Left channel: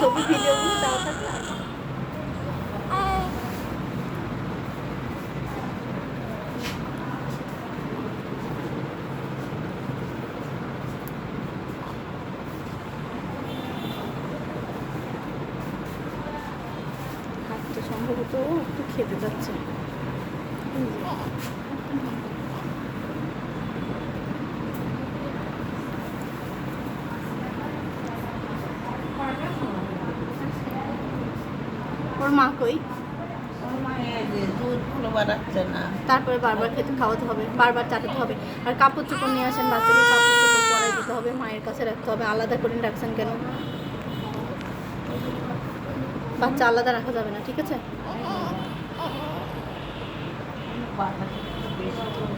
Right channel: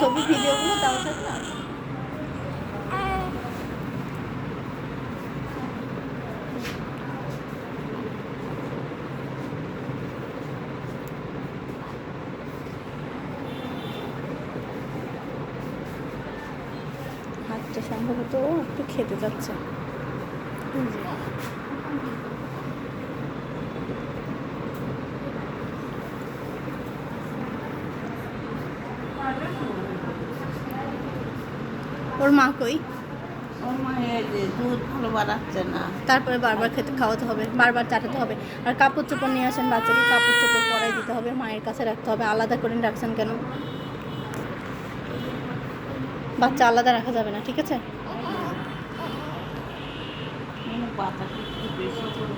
ছবি ভিডিওগুলো দেওয়া থাকে না। হাতটা সম্ভবত একটু খেতে যাচ্ছে। ওর মা কই? দুধ ভালো বাড়াচ্ছে না, তারপরে বারবার খেতে খাওয়াতে হবে, বারবার চাটাতে হবে। আর কাপড় চোপড় নিয়ে আসেন, বাচ্চাকে কাপড় চোপড় পরাই দিতে হবে, মায়ের কাছে রাখতে হবে। আলাদা করে রাখছেন কেন? বাচ্চা আলাদা রাখা যাবে না, ঠিক আছে? পাতা একটু বেশি করে।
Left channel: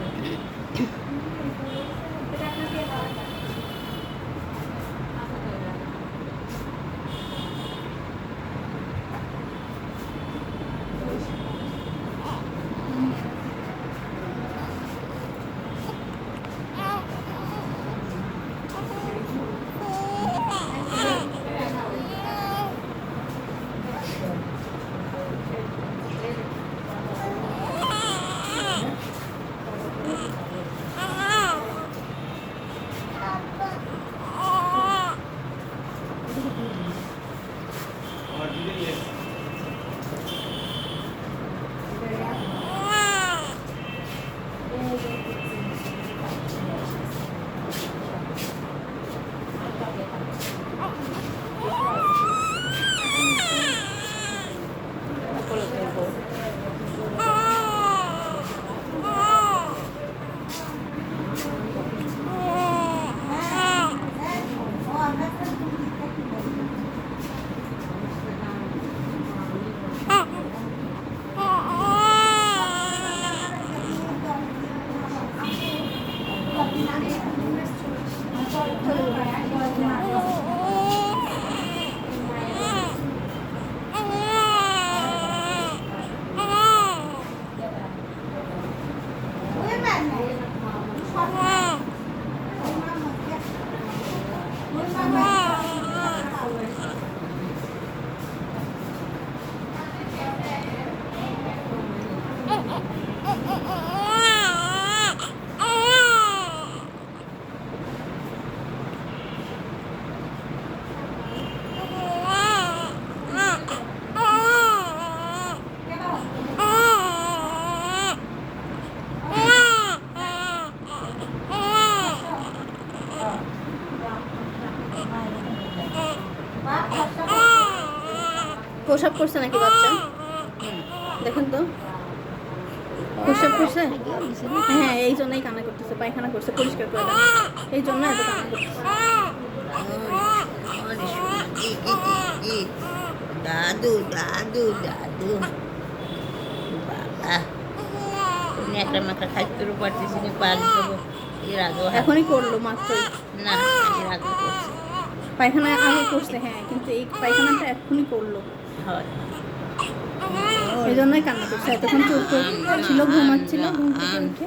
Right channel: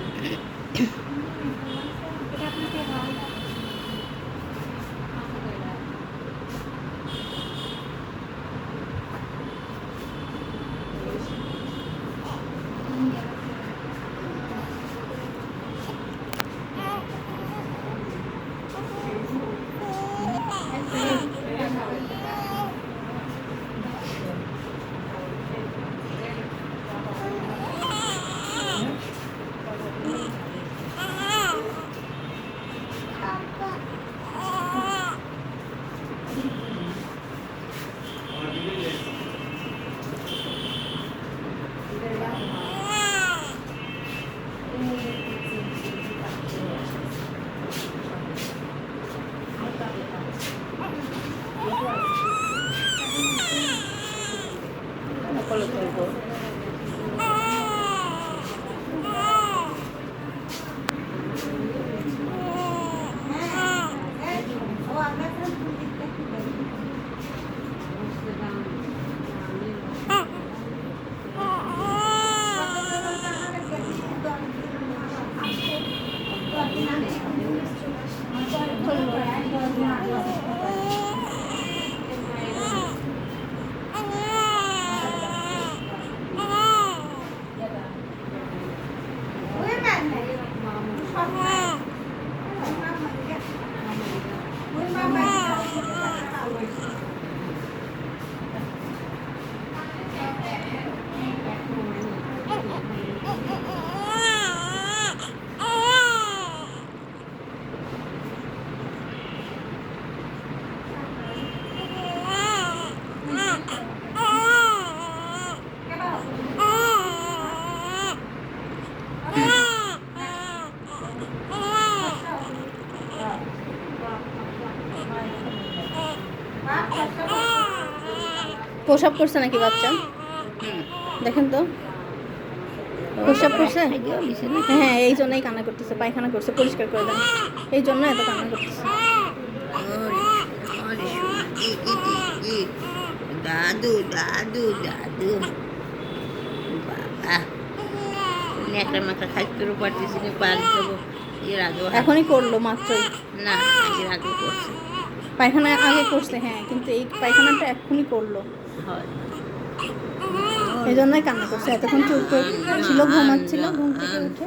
প্রসাব করছে নাকি বাচ্চা? দেখেন তো, প্রসাব করছে। হ্যাঁ, এই জন্যই কান্না করতেছে, পায়খানা করছে, পরিষ্কার করে দেন, এই জন্য এত কান্না করতেছে। দাদু দাদু দাদু বাবা, একটা মাথা খাইতেও পারতেছি না, পারি দেবো। এর আগেও এখনই করলো মাত্রই। না, এর আগে করছে। পায়খানা আগে করছে, হ্যাঁ, কিন্তু এই পায়খানাটা এখনই করলো, হয় এই জন্যই কান্না করছে। এতক্ষণ চুপ ছিল, ঘুমাচ্ছিল, ঘুম থেকে উঠে